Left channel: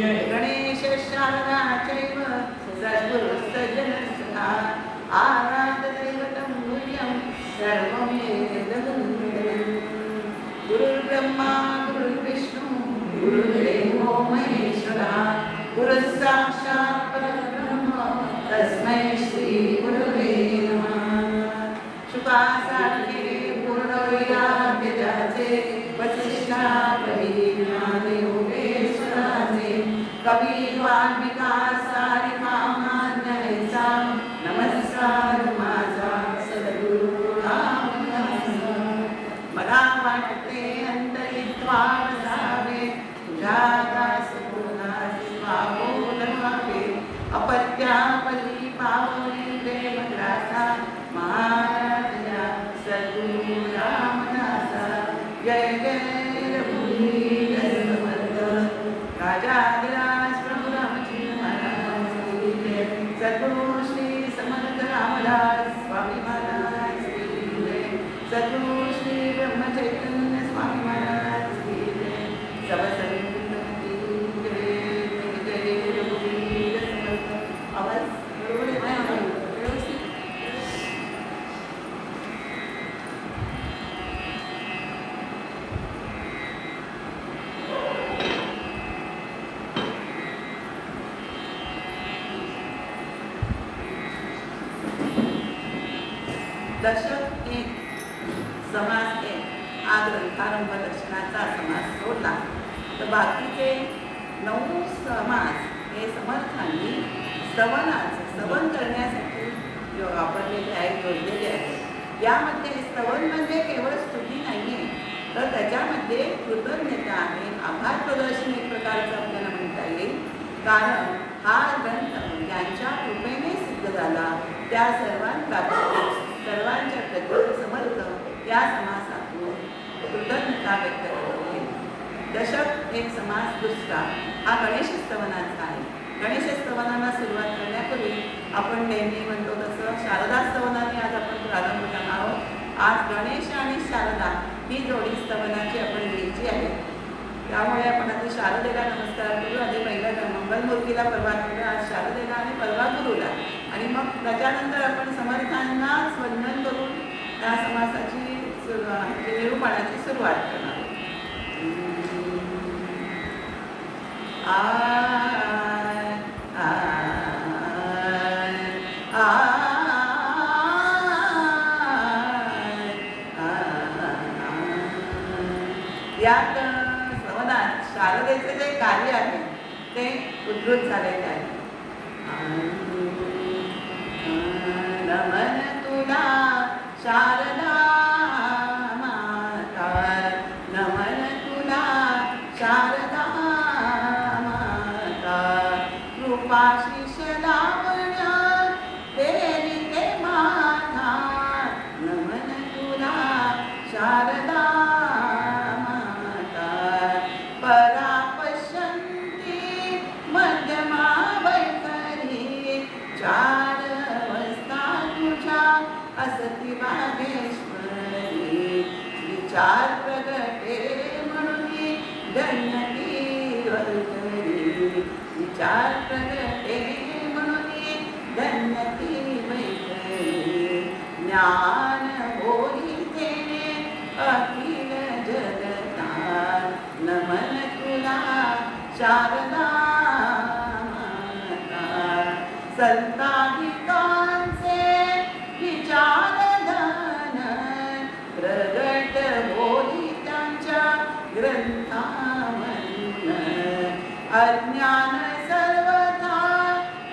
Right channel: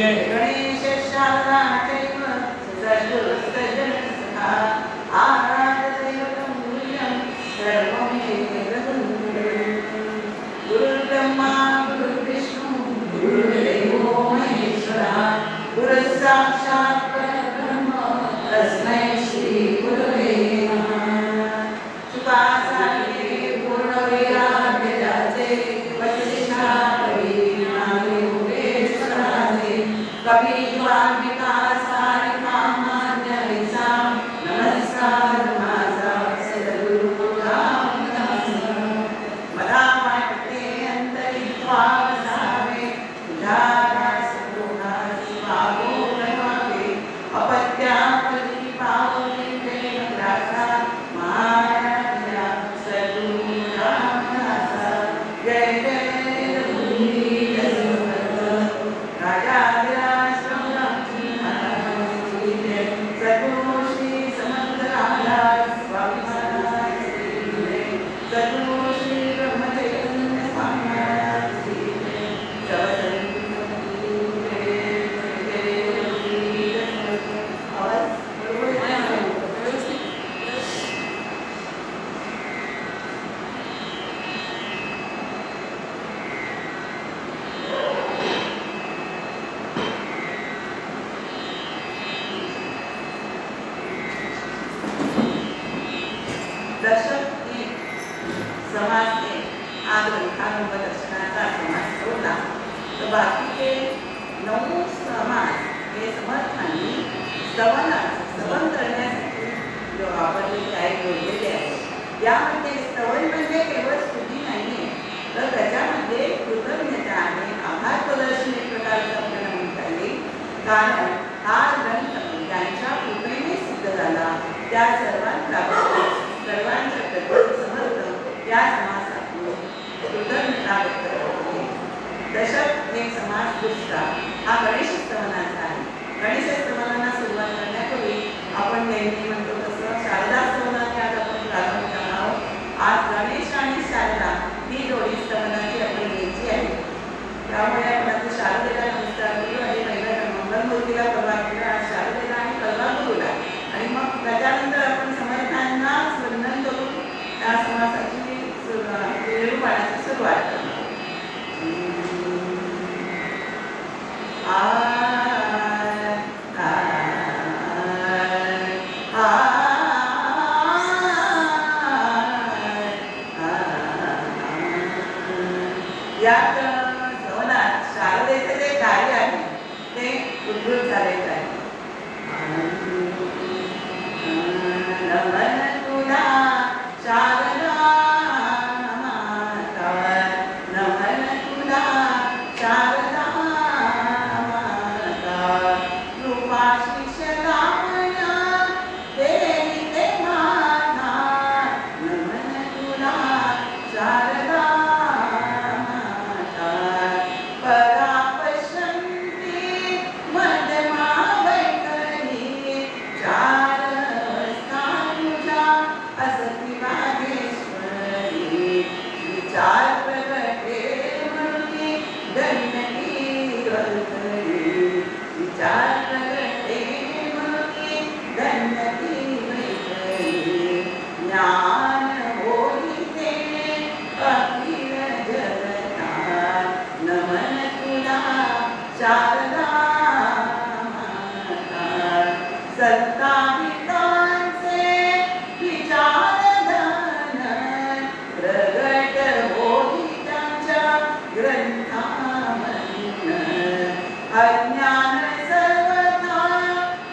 जय गणेश शारदा चैव सद्गुरुस्तजन सखा आराधदैवतं मूल्यं सर्वमेतदं गुरुर्ब्रह्मा गुरुर्विष्णु गुरुर्देवो महेश्वरः गुरुः साक्षात् परब्रह्म तस्मै श्री गुरवे नमः शुकासारखे पूर्णवैराग्यजाचे वसिष्ठापरी ज्ञाने योगेश्वराचे कपिवाल्मिका सारिका मान्यैसां नमस्कार माझा सद्गुरु रामदास मला वाटते अंतरित्वा वसावे तुझ्या दास गुणाची वाहून व्हावे अपत्यापली पावली देवदासा महाराजा सद्गुरु रामदासा जय जय रघुवीर समर्थ राजाधिराज प्रभुरामजी महाराज की जय सद्गुरु श्री समर्थ रामदास स्वामी महाराज की जय सद्गुरु श्री ब्रह्मचैतन्य स्वामी महाराज की जय सब संतों की जय जय जय रघुवीर समर्थ आवाज बरोबर आहे? व्यवस्थित दर्शक एक समास एक हा ग्रंथारंभ दर्शनाचा समास होता. तर बाकीचे 9 समास हे समर्थांनी स्तवन करण्यासाठी वापरलेले आहेत, जोडलेले आहेत. यामध्ये स्तवन म्हणजे केवळ स्तुती नाही आहे, तर त्याच्यामध्ये कृतज्ञता आहे, आभार प्रदर्शन एक प्रकारचं आपल्याला म्हणता येईल. कारण हा ग्रंथ ज्यांच्या कृपेने सिद्ध झाला त्या सर्वांच्या प्रती समर्थ या समासातून कृतज्ञता व्यक्त करते. दशक एक समास दुसरा हा गणेश स्तवनाचा आहे. गणेश स्तवनाला सुरुवात करण्यापूर्वी आपण नेहमी म्हणतो तसं शारदा स्तवनाने आज आपण प्रारंभ करणार आहोत. आज गणेश आणि शारदा ही जोडी स्तवनाची आपण घ्यायची आहे. त्यामुळे आपण आता शारदेला नमस्कार करू आणि पहिल्या मंगलमूर्तीला परवा केला, आज शारदेला आणि परवा गुरुला, आणि मग त्याच्यानंतर आपण समर्थांना वंदन करून त्या समासाची निरूपणाची सुरुवात करणार. यात स्तवनात शारदेचं जे कार्य आहे ते उद्धृत झालेलं आहे. नमन तुला शारदा माता, नमन तुला शारदा माता, कृपाशीष लावण्या देवी ते माता, नमन तुला शारदा माता, परापश्यन्ती मध्यमा वैखरी, चार अवस्था तुझ्या असती वागेश्वरी, विचार प्रगटे म्हणून धन्यती वैखरी, विचार प्रगटे म्हणून धन्यती वैखरी, ज्ञान होई तेने अखिल जगता, नमन तुला शारदा माता, संताधिकांचे विचारधन प्रगट होई त्यांच्या ग्रंथामधून, अज्ञान सर्वथा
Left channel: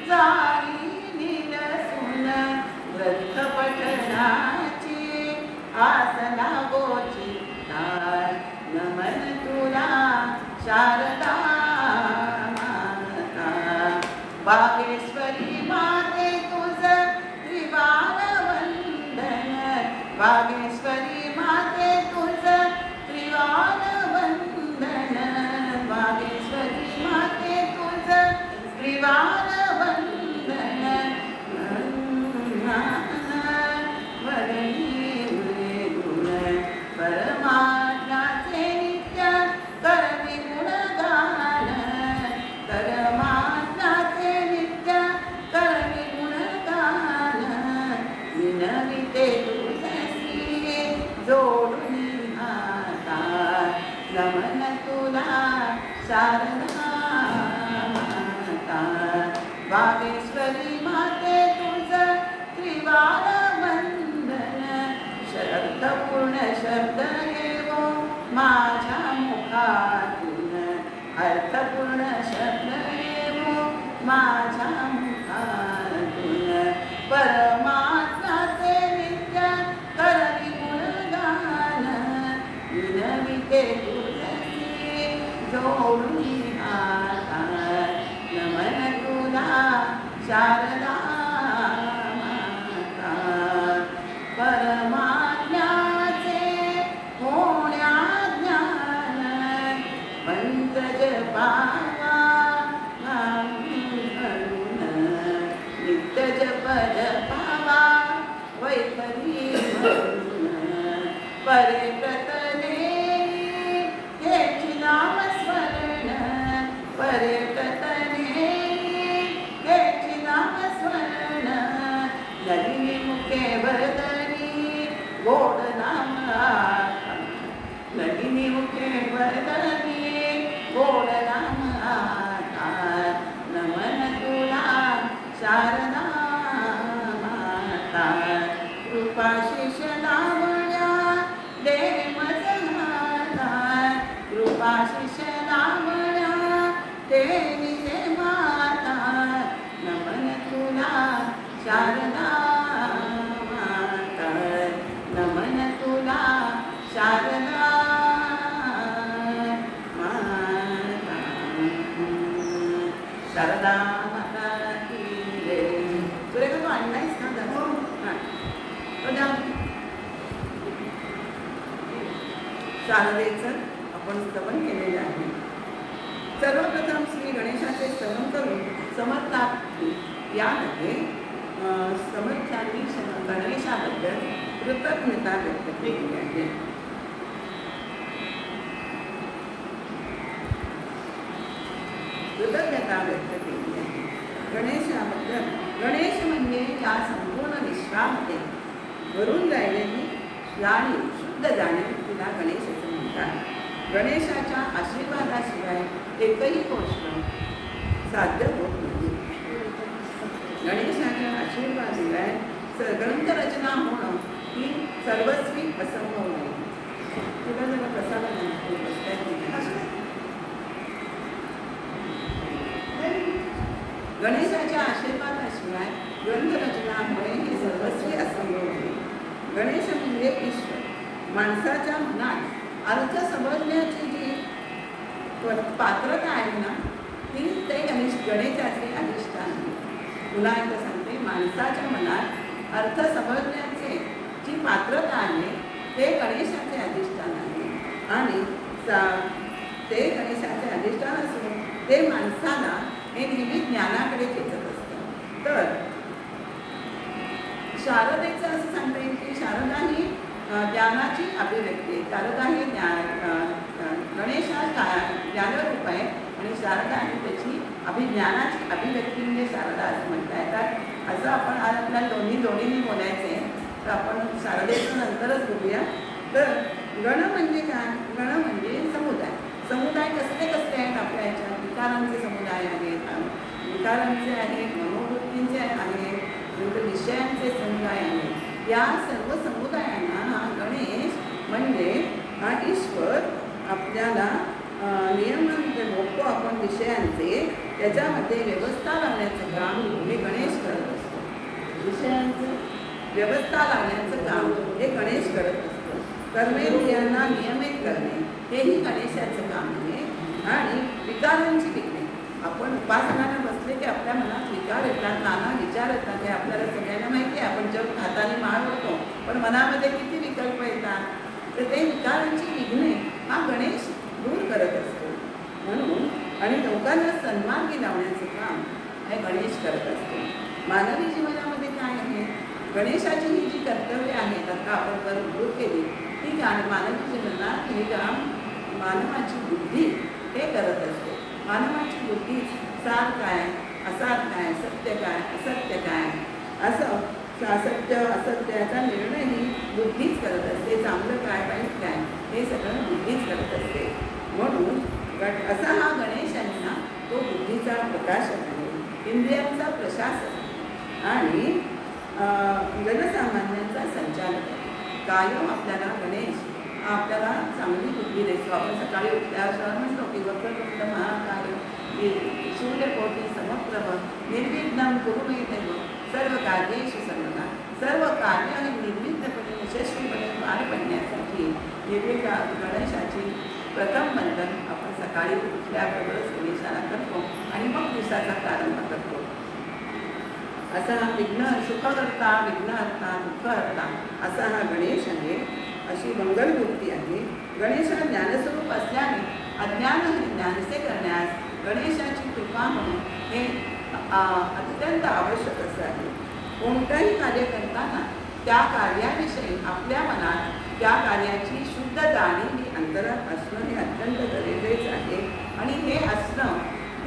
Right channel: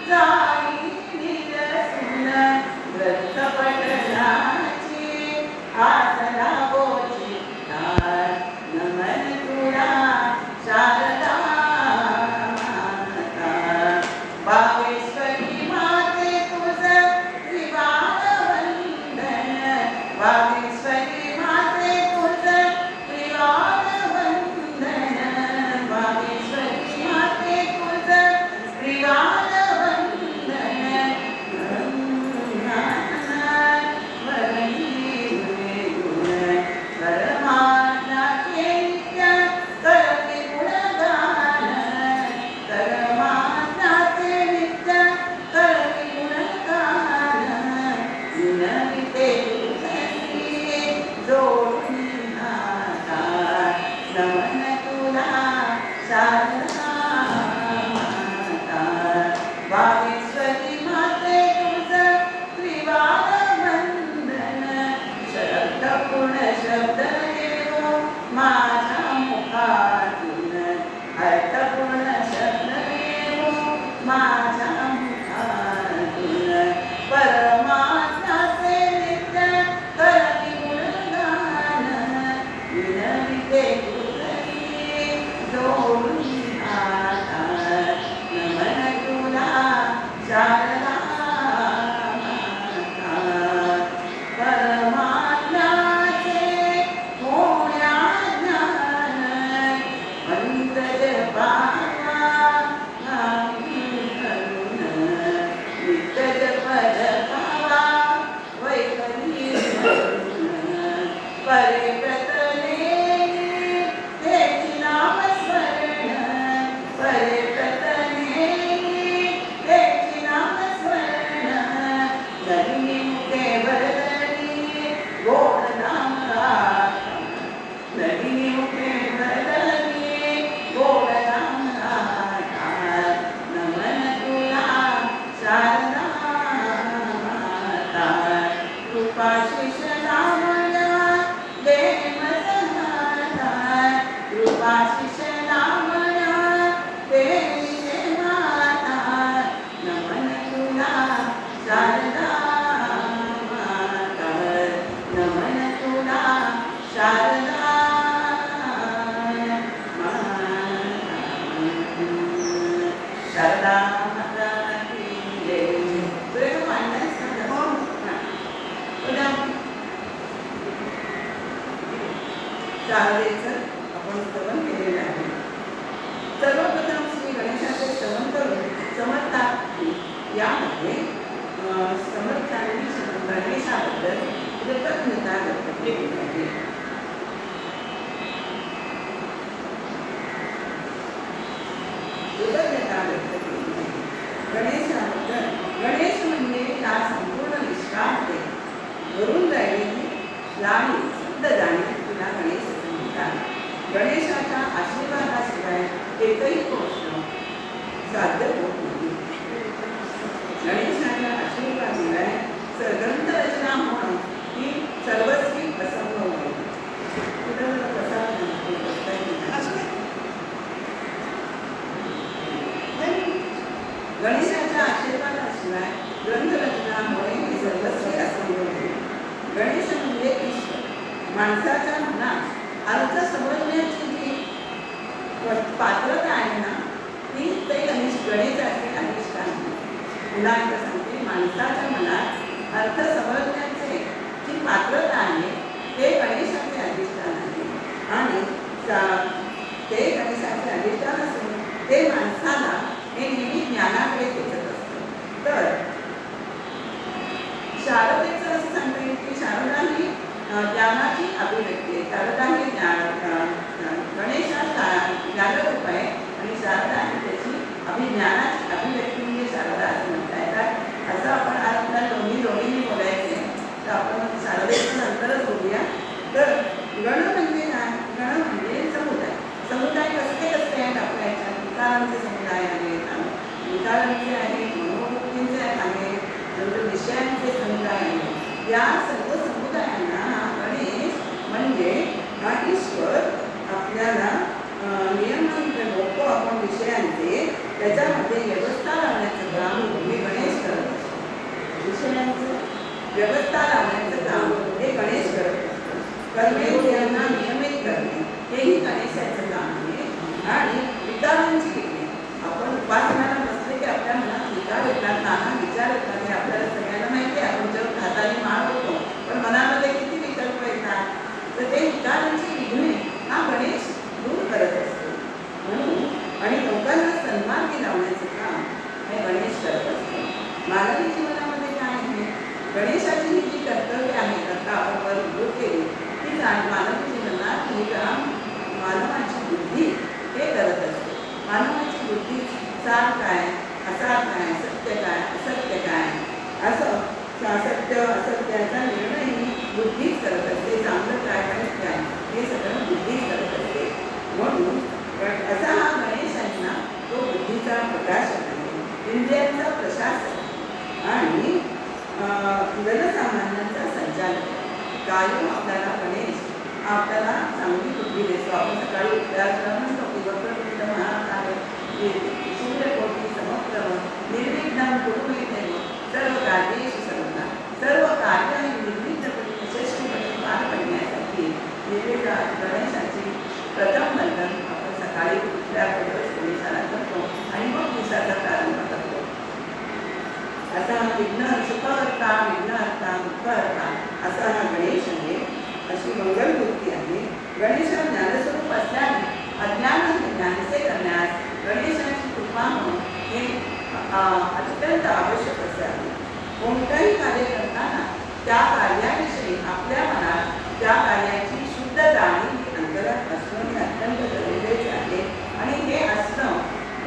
जाई निरसून, ग्रंथ पठणाची आसना गोचिता, नमन तुला शारदा माता, बागेश्वरी माते तुझं त्रिवार वंदन, बागेश्वरी माते तुझं त्रिवार वंदन, बागेश्वरी माते तुझं त्रिवार वंदन, वरणी गुण परमात्म्याचे नित्य करते गुणगान, तुला शारदा माता. वागेश्वरी माते तुझं त्रिवार वंदन. शब्दपूर्ण शब्द येवो माझ्या मुखातून. अर्थपूर्ण शब्द येवो माझ्या मुखातून. परमात्म्याचे नित्य करती गुणगान. विनविते तुझी जोडून हात. नमन तुला शारदा माता. परमात्म्याचे होण्या ज्ञान. पंकज पावा नित्य जपद पावा वैखरी परे प्रतले तेची नाम स्मरण. परे प्रतले तेची नाम स्मरण. नलिनी मुखे वरदनी गोड नाम आता. नलिनी मुखे वरदनी गोड नाम आता. नमन तुला शारदा माता. कृपा शिष्यनामया दे मजहाता. कृपा शिष्यनामया दे माता. नमन तुला शारदा माता. नमन तुला शारदा माता. शारदा माता की जय. तुला काय मांडलंस का? हो हां उद्या शारदेचं आपण स्तवन केलेलं आहे. सर्वप्रथम श्री गणेशाचे स्तवन करून समर्थात यामध्ये समर्थांनी गणेशाबद्दल कृतज्ञता व्यक्त केली आहे. कृतज्ञता व्यक्त केली आहे गणेशाबद्दल. गणेश म्हणजे या संपूर्ण विश्वामध्ये भरून राहिलेली लाणी शुद्ध जाणीव तुला गणेश असं म्हणतात. गणेशाच्या आशीर्वादाशिवाय एकही गोष्ट साध्य होत नाही. गणेशाच्या आशीर्वादाशिवाय ग्रंथरचना होणं ही सर्वस्वी असंभव आहे. तुला जरा कसा गणेशाच्या आशीर्वादाशिवाय ग्रंथरचना होणे हे सर्वस्वी असंभव आहे. गणेश म्हणजे ईश्वर. माणसाच्या मनात अर्थ समजण्याची जी पात्रता आहे ना ती ते गणेशाचे अधिष्ठान आहे. पुन्हा एकदा सांगते, माणसाच्या मनात अर्थ समजण्याचे जी पात्रता आहे ते गणेशाचे अधिष्ठान आहे. आणि ते गणेशाचे अधिष्ठान असून ते माणसाला हे नेहमी ज्ञानाकडे खेचत असतं. तर शारदेचं असं सांगता येईल की शारदा ही ज्ञानाची अभिव्यक्ती आहे. शारदा ही गणेश हा ज्ञानरूप आहे आणि शारदा ही त्याची ज्ञानाची अभिव्यक्ती म्हणजे शारदा असं म्हणता येतात. असं आपण आज आपल्या दोन्ही जोडीने बोलायचे आहे तर आपण शारदेचं नंतरच बोलूया. तर गण म्हणजे काय? गण म्हणजे समुदाय. समुदाय कसले कसले आहेत आपल्या ह्याच्यात? विकारांचे समुदाय आहेत, विकारांचे आहेत, मनोवृत्तींचे आहेत, नंतर विषयांचे समुदाय आहेत. या सर्व समुदायांना हा गणेश म्हणजे हा ईश्वर आपल्याला नियमन लोक आपण विषयांचे त्याच्यामध्ये व्यवस्था लावण्याचं काम हे गणेश करत असतो. विषयांचं व्यवस्था लावण्याचं काम हे गणेश करत असतो. कर्मेंद्रियांना नियमित करणे हेही गणेशाचं काम आहे. आणि विकारांची किती आपण उपासनाला बसले की आपल्या मनात विकार येतात, नाना विचार येतात. हे आपल्याला सगळ्यांना माहिती आहे. आपण जेव्हा हाताने मान होतो पण मनामध्ये किती विकल्प येतात. तर ते विकारांची विघ्ने हा गणेश दूर करत असतो. म्हणून आणि लोकांना सन्मार्गी लावण्याचं काम हे गणेश करत असतो. मानवी जीवनामध्ये काय आहे? गणेशाची ही जी कर्तव्य आहेत आता आपण वर उल्लेख केली ती मानवी जीवनात हे काम मानवाची बुद्धी हे करत असते. मानवाची बुद्धी सार काय, असार काय, सत्य काय, असत्य काय असं सत्य असत्याचा निर्णय ही बुद्धीच करत असते. चांगलं काय वाईट काय हे सगळं बुद्धीच करत असते. म्हणून असा हा गणेश आहे ना, तो बुद्धीचा प्रकाशक आहे, इंद्रियांचा प्रशासक आणि जनसामान्यांचा संचालक. कायम आपल्याला गणेश आपल्याला चांगली बुद्धी देतो. आपण सकाळी उठल्यावर म्हणतो की वक्रतुंड महाकाय सूर्यकोटी समप्रभ निर्विघ्नं कुरु मे देव सर्व कार्येषु सर्वदा. सर्व कार्य निर्विघ्नपणे यशस्वीपणे पार करण्यासाठी गणेशाची प्रथम वंदन आपण सकाळी उठल्याबरोबर गणेशाला करतो आणि मग दिवसाचा प्रारंभ करतो. असा हा सुखहर्ता विघ्नहर्ता दुःखहर्ता असा हा गणेश आहे. अशी मंगलमूर्ती आहे. गणेश हा ज्ञानस्वरूप असल्याने अज्ञान हे ज्ञानसे करण्यास गणेशाची कृपा म्हणून हे अत्यंत आवश्यक असे आहे. कोणतंही कार्य करताना त्या कार्याविषयी आपल्या मनात त्या कार्याची शुद्ध जाणीव ही अंतरात असणं हे अत्यंत गरजेचे आहे. आणि हे असणं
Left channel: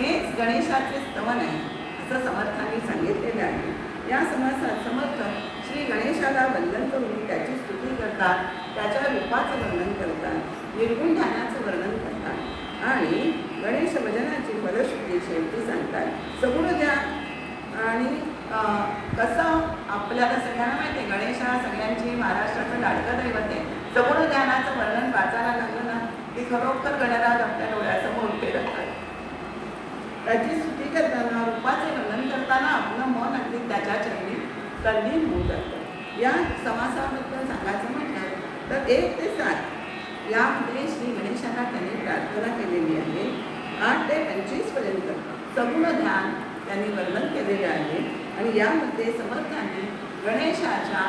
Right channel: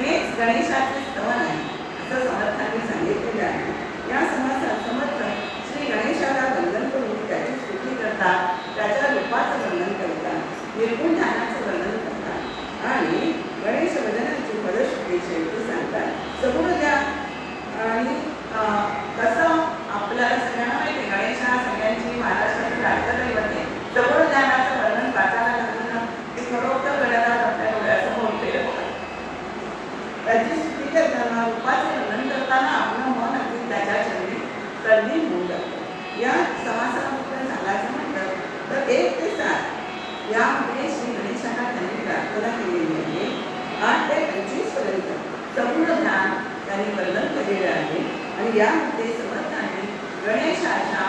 हेच गणेशाचे स्तवन आहे असं समर्थांनी सांगितलेले आहे. या समासात समर्थ श्री गणेशाला वंदन करून त्याची स्तुती करतात, त्याच्या रूपाचं वर्णन करतात, निर्गुण ध्यानाचं वर्णन करतात आणि गणेश भजनाची फलश्रुती शेवटी सांगतात. सगुण ध्यान आणि कसं आपल्याला सगळ्यांना माहिती आहे, गणेश हा सगळ्यांची महाराष्ट्राचं लाडकं दैवत आहे. सगुण ध्यानाचं वर्णन वाचायला लागलं ना की खरोखर गणराज आपल्या डोळ्यासमोर फिरतात. त्याची स्तुती करताना रूपाचे वर्णन करताना आपलं मन अगदी त्याच्या चरणी तल्लीन होऊ जातं. या समासाबद्दल सांगायचं म्हटलं तर 1 ते 7 यामध्ये श्री गणेशाला त्यांनी प्रार्थना केलेली आहे. 8 ते 25 पर्यंत सगुण ध्यान त्यांनी वर्णन केलेले आहे. आणि यामध्ये समर्थांनी गणेशाच्या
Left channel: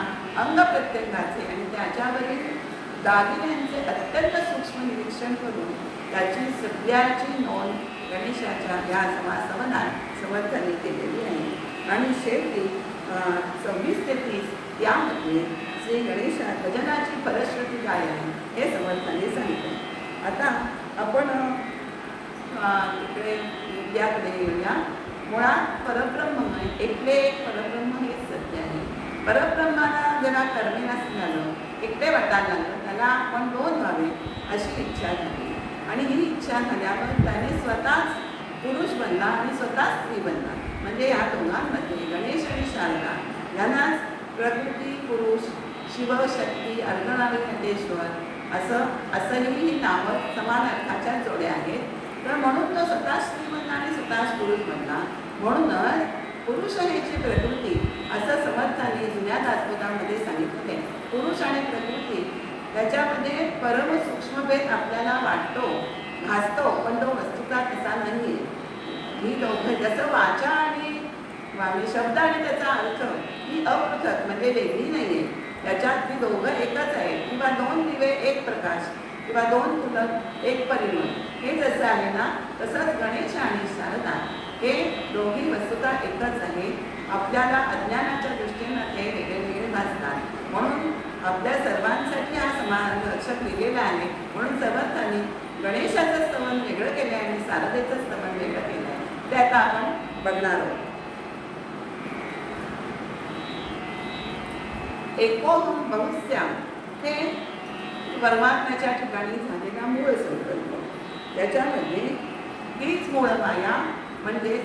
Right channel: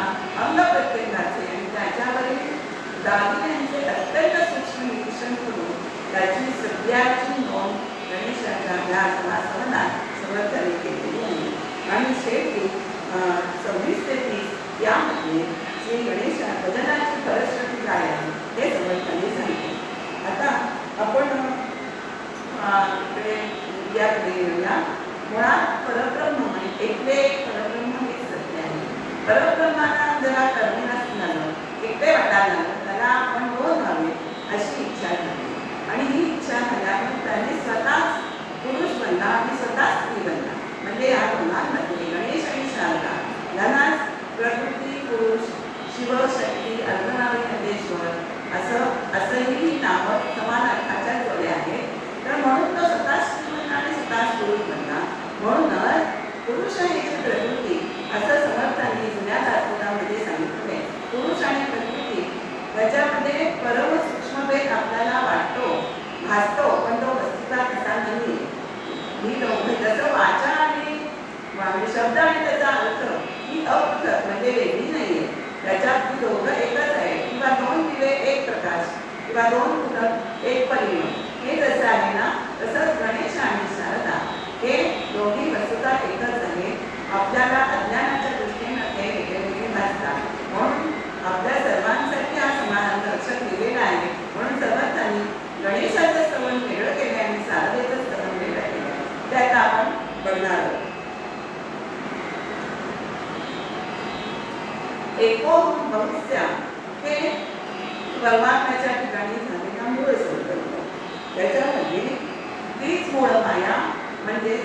अंगप्रत्यंगाचे आणि त्याच्यावरील दागिन्यांचे अत्यंत सूक्ष्म निरीक्षण करून त्याची सगळ्याची नोंद गणेशाच्या या समासवनात समर्थांनी केलेली आहे. आणि शेवटी 26 ते 30 यामध्ये श्री गणेशा भजनाची फलश्रुती काय आहे हे समर्थांनी सांगितले. आता आपण इकडे विद्याकडे येऊया. मुळात परब्रह्म म्हणजे एकटे परब्रह्म हेच सत्य आहे. परब्रह्माला जरा कर्मी झालं, एकटे वाटायला लागलं, त्याला आपण 2 व्हावे अशी इच्छा झाली. आणि ही इच्छा झाल्यावर त्याने स्वतःच पुरुष बनला आणि स्वतः स्त्री बनला. म्हणजे या दोघांमध्ये गणेश आणि शारदा यांनाच प्रकृती पुरुष शिवशक्ती अर्धनारीश्वर असंही नावं समान अर्थाच्या जोड्या आहेत. तर म्हणून तो स्वतः स्त्री बनला आणि स्वतःच पुरुष बनला. म्हणूनच पुरुष आणि प्रकृती असं समर्थांनी जुन्या दासबोधामध्ये सांगितले. पुरुष आणि प्रकृती त्याच्यामध्ये परम सूक्ष्मभेद आपल्याला वाटतो, भासतो, पण तो वस्तुता तसा नाही. ही दोघं जसं वाचा आणि शब्द आणि त्याचा अर्थ ही अपृथक म्हणजे वेगळी नाही आहे. त्याच्यात ती दोघं एकच आहे. किंवा 2 दिवे एक प्रकाश किंवा 2 फुलं एक परिमळ हे जसं आहे ना, तसंच गणेश आणि शारदा हे दोघी वस्तुता एकच आहे. आपल्याला अज्ञानाच्या दृष्टीने हे वेगळे भासतात. म्हणून आपल्या सर्वांसाठी हा समान लक्षात लिहिलेला आहे. म्हणून समर्थांनी गणेशाचं स्तवन वेगळं केलं आणि शारदेचं स्तवन वेगळं केलं. ते आता आपण बघणार आहोत. एकोम बहुस्या हे परमात्म्याच्या ठिकाणी झालेला मूळ संकल्प. त्याच्यामध्ये तीच मूळ माया म्हणजे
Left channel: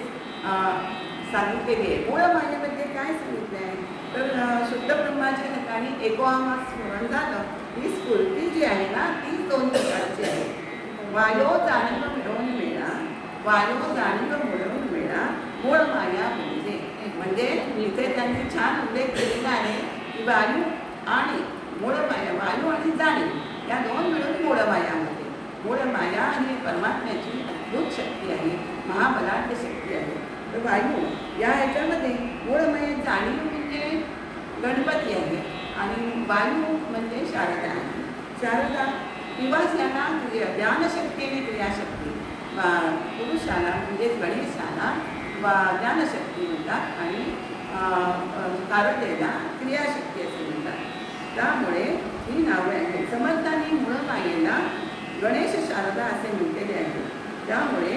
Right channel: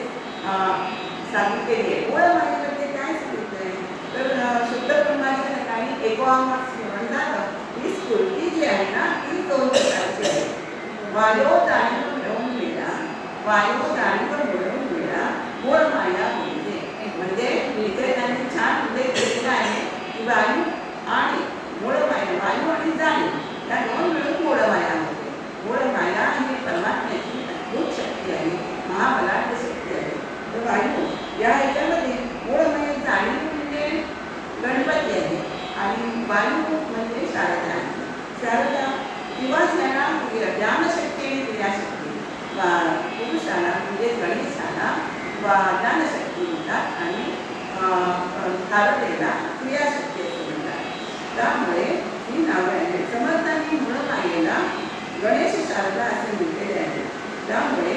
सांगितलेली आहे. मूळ मायेमध्ये काय सांगितलं आहे तर शुद्ध ब्रह्माच्या ठिकाणी एकोमास स्मरण झालं. ही स्फूर्ती जी आहे ना ती 2 प्रकारची आहे. वायो जाणीव मिळवून मिळा, वायो जाणीव मिळवून मिळा मूळ माया म्हणजे इथे त्यांनी छान उल्लेख केलेला आहे की वायू आणि मूळ माया, वायू आणि जाणीव या 2 मिळून मूळ माया होते. मूळ माया ही परमात्म्याची अद्भुत शक्ती आहे, महाबलाढ्य शक्ती आहे. तर वायू या ह्याच्यामध्ये मूळ माया जाणीव म्हणजे गणपती आहे आणि वायू म्हणजे शारदा आहे. शारदा किंवा ज्यांना ज्ञानशक्ती आणि क्रियाशक्ती पुरुषाला म्हणजे गणेशाला ज्ञानशक्ती म्हणतात आणि शारदेला क्रियाशक्ती असे म्हणतात. त्यामुळे ही नावे आहेत. समर्थांनी मूळ मायेला गणेश शारदा असे म्हटलेले आहे. त्यामुळे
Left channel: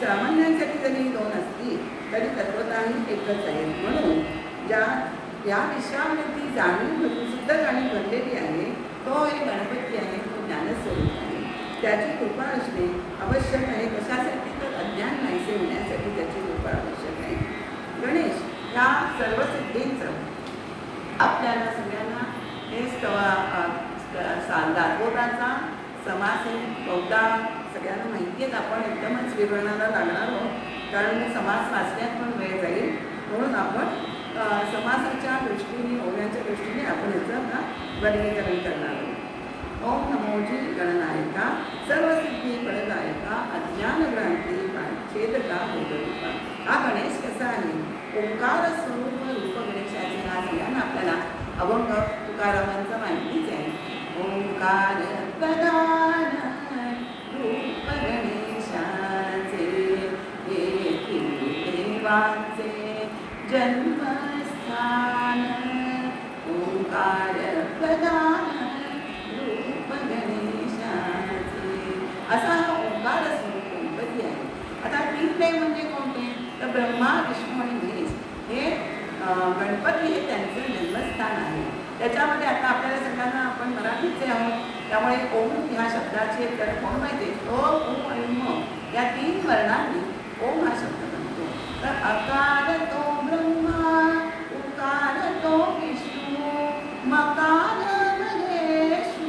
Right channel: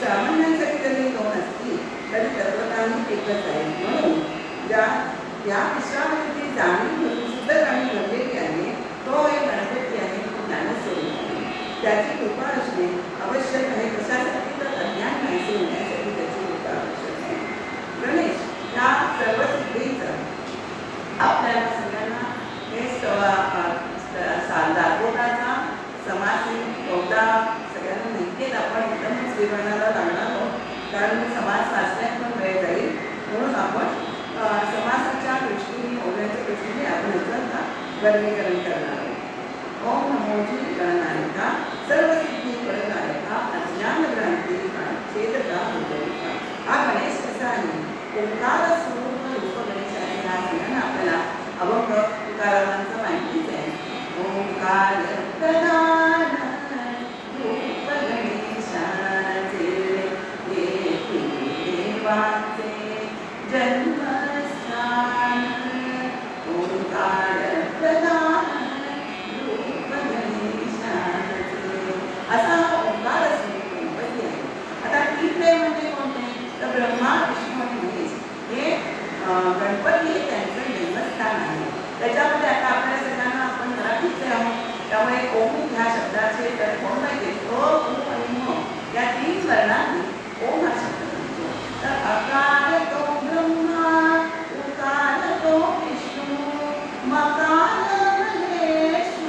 सामान्यांसाठी जरी 2 असतील तरी तत्वतः एकच आहे. म्हणून या विषयावरती जाणीव सिद्ध जाणीव घडलेली आहे तो एक गणपती आहे, तो ज्ञानस्वरूप आहे. त्याची कृपा असणे आवश्यक आहे. कशासाठी? तर अज्ञान नाहीसे होण्यासाठी त्याची कृपा आवश्यक आहे. गणेश ह्या सर्व सिद्धींचं आपल्याला सगळ्यांना हे दाखवण्याचा समास बहुधा सगळ्यांना माहिती आहेत. आपण एकदमच विवरणाला लागणार आहोत, कारण समास वाचण्यात पण वेळ जाईल. म्हणून आपण समासाच्या दृष्टीने, ओव्याच्या दृष्टीने आपण याचं आता वर्गीकरण करणार आहोत. ओम नमोजी गणनायका सर्व सिद्धी फलदायका अज्ञान भ्रांती छेदका हृदयका. हा गणेश कसा आहे? ओंकार स्वरूप रूप गणेशाचे नाव सगळ्यांना आपल्याला अभंग तुकारामांचं माहितीच आहे. ओंकार प्रधान रूप गणेशाचे येथील देवाचे जन्मस्थान. ओंकार प्रधान रूप गणेशाचे असा हा ओंकार स्वरूप गणपती आहे. आता तीन देव म्हणजे कोणते? तर ब्रह्मा, विष्णू आणि महेश हे गणपती हे त्यांचं जन्मस्थान आहे. त्याच्यामध्ये आता आपल्याला सगळ्यांना आपण मराठीचे आहोत, त्यामुळे ओम ह्या शब्दाचे तर कोण माहिती? अ, उ आणि म या तीन वर्णांनी ओम हा शब्द बनतो. तर अकार तो ब्रह्मा, उकार तो विष्णू, मकार महेशु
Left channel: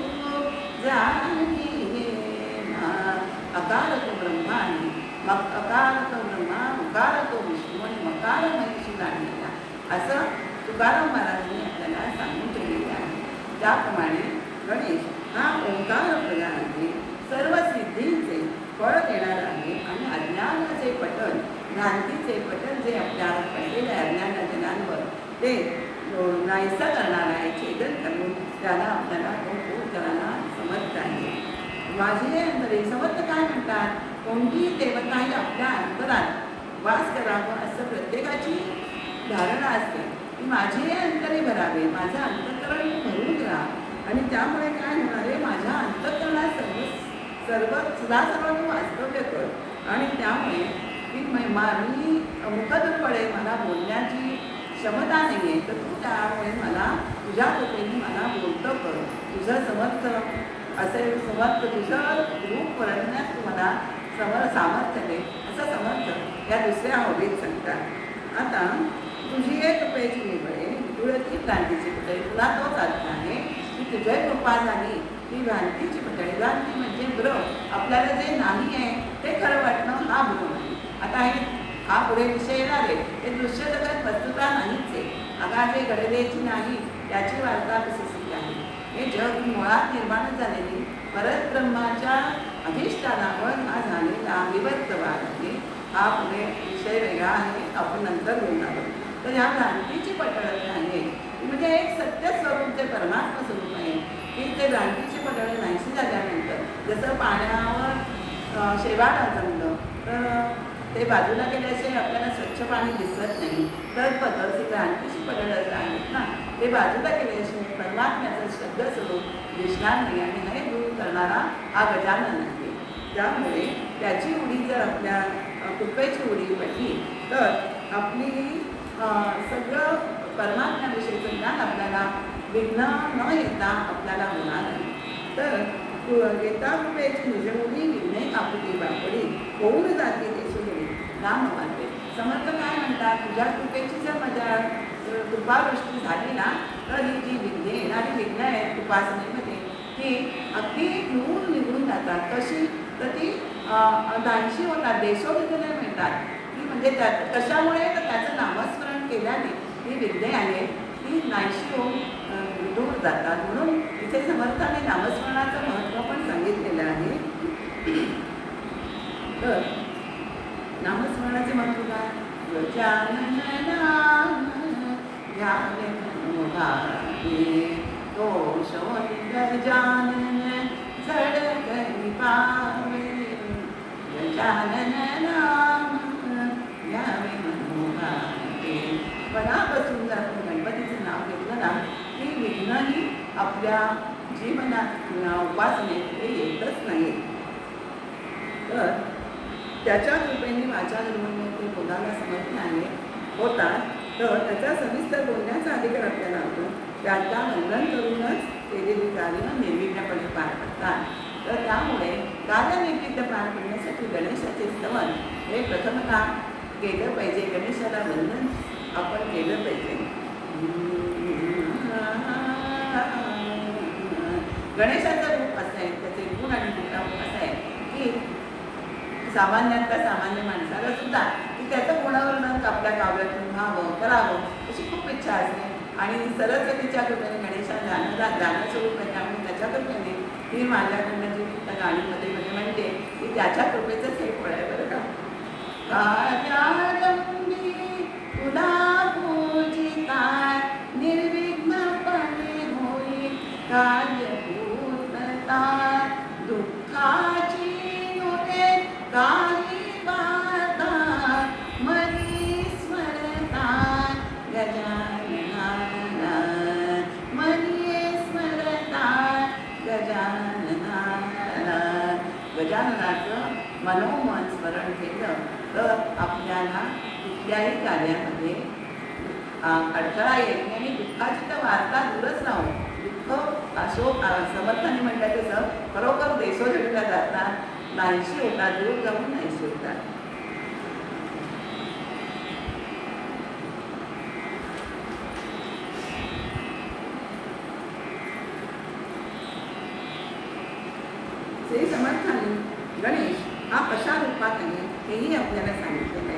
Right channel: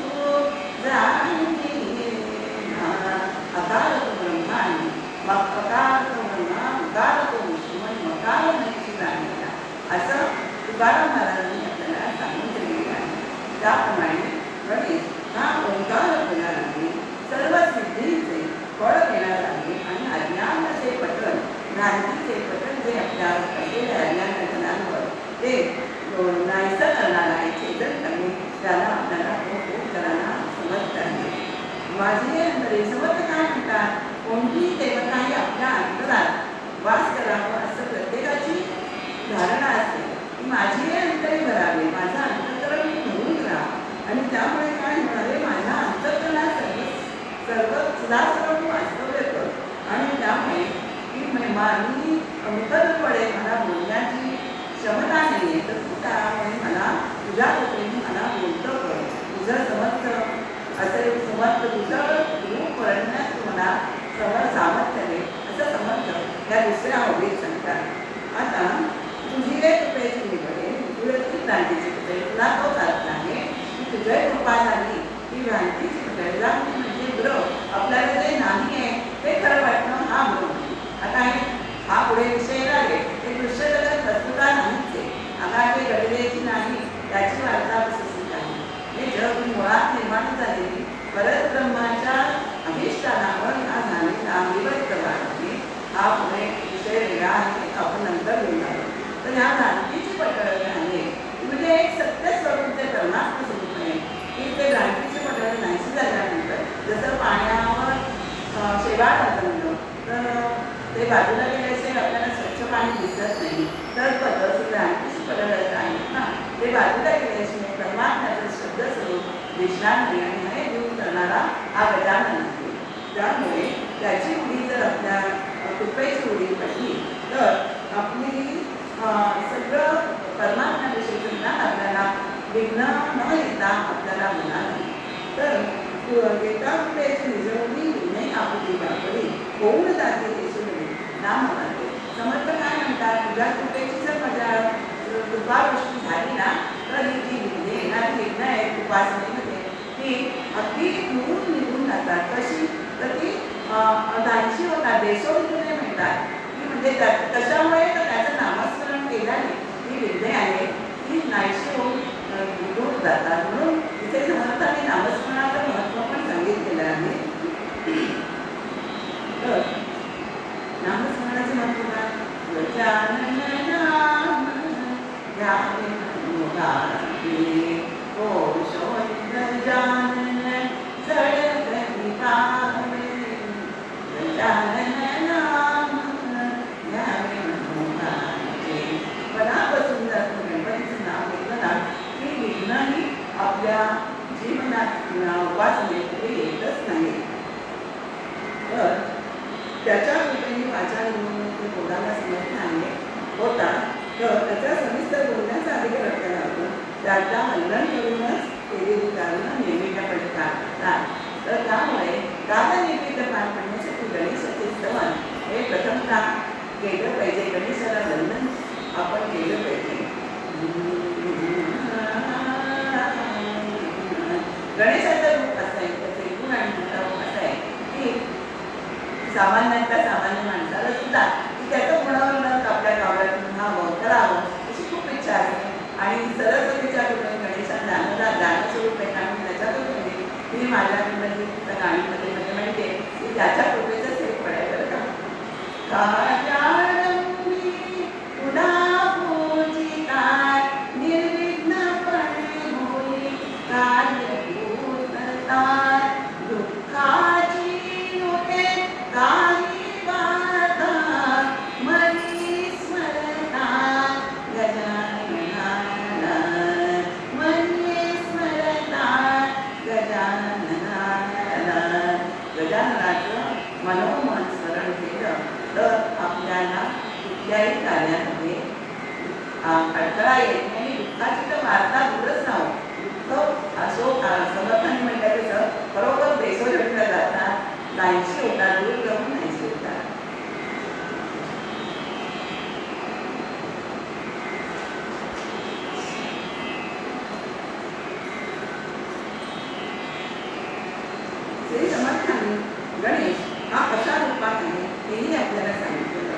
जाणीना. अकार तो ब्रह्मा आणि अकार तो ब्रह्मा, उकार तो विष्णू आणि मकार महेशु जाणीना असं तुकाराम महाराजांनी आपल्याला सांगून दिलेले आहे. त्याप्रमाणे गणेश हा ओंकार प्रधान आहे, सर्व सिद्धींचे फळ घेणारा आहे आणि अज्ञानाचे पठण, भ्रांतीचे पठण जे आपल्यावर पडलेल्या अज्ञानांवर ते नाहीसं करणार आहे, छेदन करणे त्याला आपल्याला खूप करायला समर्थ आहे. माझे अंतरे समर्थ काय म्हणतात? कोणतीही देवताही आपल्या अंतरात वास करावं असं प्रत्येकाची धारणा असते की माझी हे अंतरे भरावे, माझं अंतःकरण भरून घ्या आणि त्यामुळे काय होणार आहे? माझ्या अंतःकरणात सर्व सदासर्व वास्तव्य कर. आणि त्यामुळे की माझी मुखदपडे मला बोलण्याची क्षमता नाही आहे, तर तू त्यामुळे मला तुझ्या कृपेने मला बोलतं कर. तुझं समर्थ असेल, समर्थ तुझं रूप वर्णण्यात तू मला सामर्थ्य दे असं समर्थ या दुसऱ्या ओळीत सांगतात. आता तुझी एक कृपेची निवडे, तुझी भ्रांतीची कृपे, तुला तोच अर्थ आहे की तुझ्या कृपा झाली ही भ्रांतीची कृपे. भ्रांती म्हणजे भ्र, आपल्याला जे नाही आहे ते खरं वाटणं हा भ्र आहे. आता हा पुढे विषय येणार आहे. हे दृश्य जगत वस्तुता नाहीच आहे, आगाजे घडलेची नाही त्याची वार्ता विकसित आहे. हे जग मुळात निर्माण झालेली परत ब्रह्माच्या अधिष्ठानावर हा झालेला विभक्त भाग आहे. हा पुढे विषय वेगळा आहे, आपण नंतर बोलणार आहोत. तर ह्या भ्रांतीची पटळ आहे म्हणजे एक सत्य स्वरूप जे परमात्मा स्वरूप आहे की ते भ्रांतीची पटळ नाहीशी झाल्यानंतर जसं पाण्यावर शेवाळ जमलं तर ते बाजूला गेल्याशिवाय आपल्याला स्वच्छ पाणी दिसत नाही, तर पद्धती भ्रांतीची पटळ आहेत ना, ते बाजूला गेल्याशिवाय परमात्म्याचं शब्द स्वरूप दिसणार नाही आणि हे दूर करणारा हा गजानन आहे. त्यामुळे त्याची उडी जर आपल्या कृपेची उडी पडली तर आपली सगळं परमात्म्याविषयीचं ज्ञान आपल्याला विघ्न न येता आपल्याला होणार नाही. तर येता कृपेची निजवली विघ्ने आपली बापडी होऊन जाते त्याची नाम होते. समर्थ काय म्हणतात? तुझ्या कृपेची जर माझ्या कृपावृष्टी झाली ना तर ही जी विघ्ने येणारी विघ्न आहेत उपासनेमध्ये ती अगदी दूर निघून जातात. कशी? तर ती नाहीशी होतात, देशोविघ्ने म्हणतात की म्हणजे कशामुळे? तर त्याचं नामस्मरण केल्याने ही विघ्ने आहे ती नाहीशी होऊन दूर जातात. म्हणून इथे समर्थाने नामस्मरणाचं महत्त्व पण सांगितलेलं आहे. तर नामस्मरणाचे महत्त्व काय? गजानन नाम घ्यावे मनोभावे, तो शोधी गजानन जळकरी पावे. गजानन नाम घ्यावे मनोभावे. मनापासून जर गणपतीचं नाव घेतलं ना की विघ्नही आपल्या जीवनात उपासनेत येतच नाही. तर त्याच्या कृपेने वाचा निवडणूक बोलायला समर्थ आहे होतात, तर त्याचा सविस्तर बोलण्याचा अधिकार आपल्याला होतो. त्याचा वंदन करूनच केलेली कार्य निर्विघ्नपणे पार पडतात. तर त्यामुळे कालनिर्मित पार पडण्यासाठी गणेशाचे स्तवन हे प्रथमतः केलं पाहिजे. गणेशाला वंदन आपण केलं पाहिजे. गणेशाचं रूप असं आहे, त्याचे गुण आणि गुणधर्म असं आहे की सामान्यातल्या सामान्य माणसाला सुद्धा की त्याचं गुणवर्णन आपल्या काव्यातून व्हावं करावं अशी खूप इच्छा असते. आणि सरस्वतीच्या कृपेने गणेशाला गाणं स्वरूप आहे आणि त्याच्या कृपेने मी माझ्याकडनं जी त्या गाणीमध्ये मध्ये म्हणते की त्याच्या कृपेचंच हे फळ आहे बरं का. कार्यारंभी तुला पूजिता निर्विघ्नपणे होई कार्यभूतता दुःखाची नुटे काही वार्ता मनी स्मरता गजाननाला मनी स्मरता गजाननाला. गजाननाचं मनोमन स्मरण केलं तर आपल्याला कुठल्याही कार्यामध्ये अडथळा येत नाही आणि दुःखाची तर वार्ता दूरच नाहो. दुःख असो समर्थाने म्हणतात तसं खरोखर देशोधडीला जातात, नाहीशी होतात, दूर जाऊन नाहीशी होतात. श्री समर्थांनी गणेश हा अशा रूपात आहे हेही आपल्याला सांगितलं आहे.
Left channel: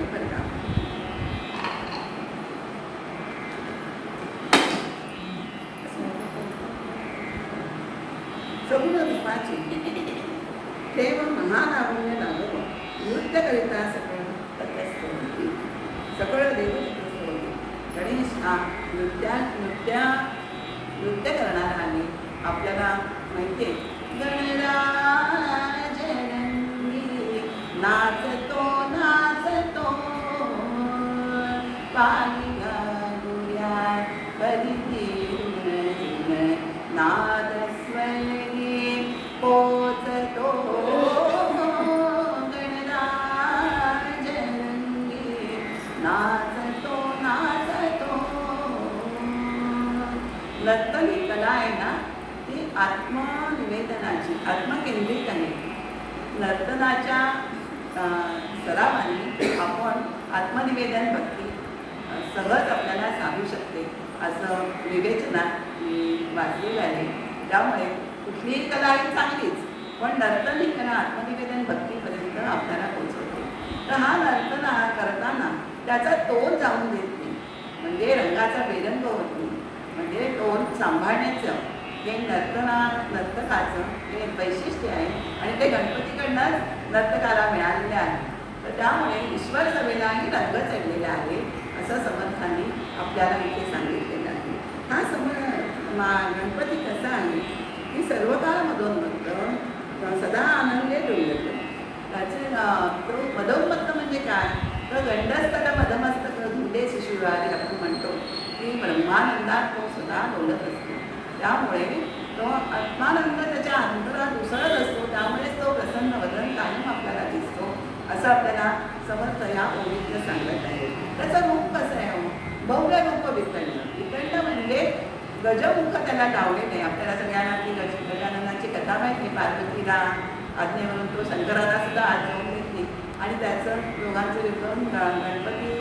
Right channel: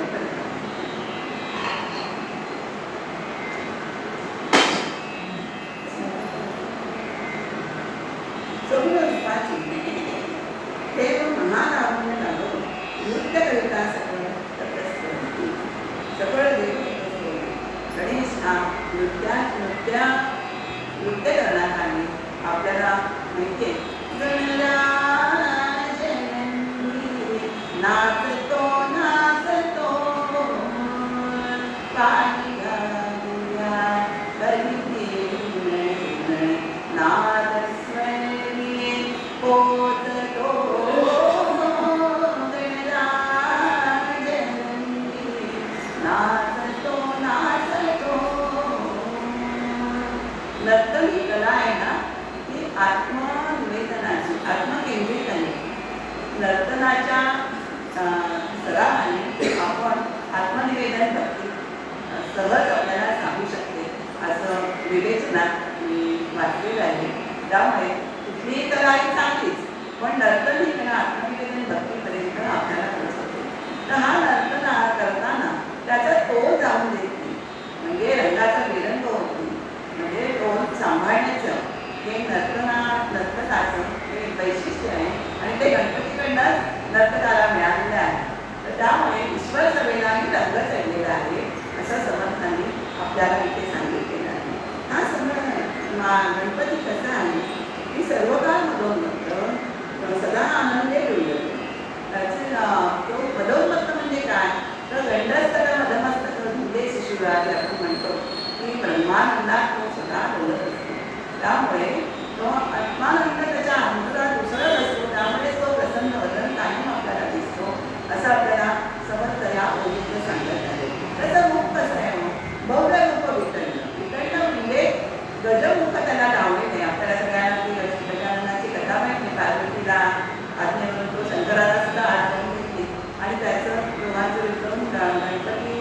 सगळं रूपाची देव महारावण लागो नृत्य करिता सगळं तटस्थ सगळं देव. गणेश हा नृत्य करणार आणि आपल्याला माहिती आहे गणराज नाचतो नाचतो पाणी घालूया कधी नाद स्वरी पोचतो गणराज नाचतो नाचतो. नर्तन ही कला आहे ना ती आत्मनिवेदनाची आत्मकेंद्रित आहे. नर्तनाच्या सरावाने आपण आत्मनिवेदन भक्ती सहज आपल्याला सांगू शकते असं विवेचनात मी वाचलेलं आहे. त्यामुळे कुठलीही कला ही चांगलीच पण नर्तन ही कला आत्मनिवेदन भक्तीपर्यंत आपल्याला पोहोचवते. तर हा नर्तन करताना त्याचा तोल जाऊन देत नाही म्हणजे रंगाचा बेरंग होत नाही. म्हणजे टोन सांभाळण्याचं हे नर्तकाचं हे वैशिष्ट्य आहे आणि ते गणपतीकडनंच नर्तकाला मिळालेलं आहे. तर त्यामुळे ईश्वर सभेलाही रंग चढलेला आहे असं समर्थांनी आपल्याला इथे सांगितलेलं आहे. हा गणपती कसा आहे की सर्व काळ मधोन्मत्त सदा आनंदे डोलतो. त्याचे तो मधोन्मत्त म्हणजे काय तर गंडस्तक मधमस्तक धुंदे शिशुराज आपण म्हणतो की ब्रह्मानंदात तो सदा डोलत असतो. त्यामुळे तो आत्मानंद त्याच्या अंतरात उसळत असतो. त्यामुळे तो प्रसन्न वदन कायम आपल्याला दिसतो असं आपल्याला समर्थ या ओळीतलं सांगत आहे. त्याचं रूप कसं आहे भव्य रूप वितळणं म्हणजे गजमुख त्याला लावले नाही. आपल्याला सगळ्यांना ती गजाननाची कथा माहिती. पार्वतीला आज्ञेवरून तो शंकराला सुद्धा आठवण घेतली आणि त्याचं योगाचं विक्रम गणपती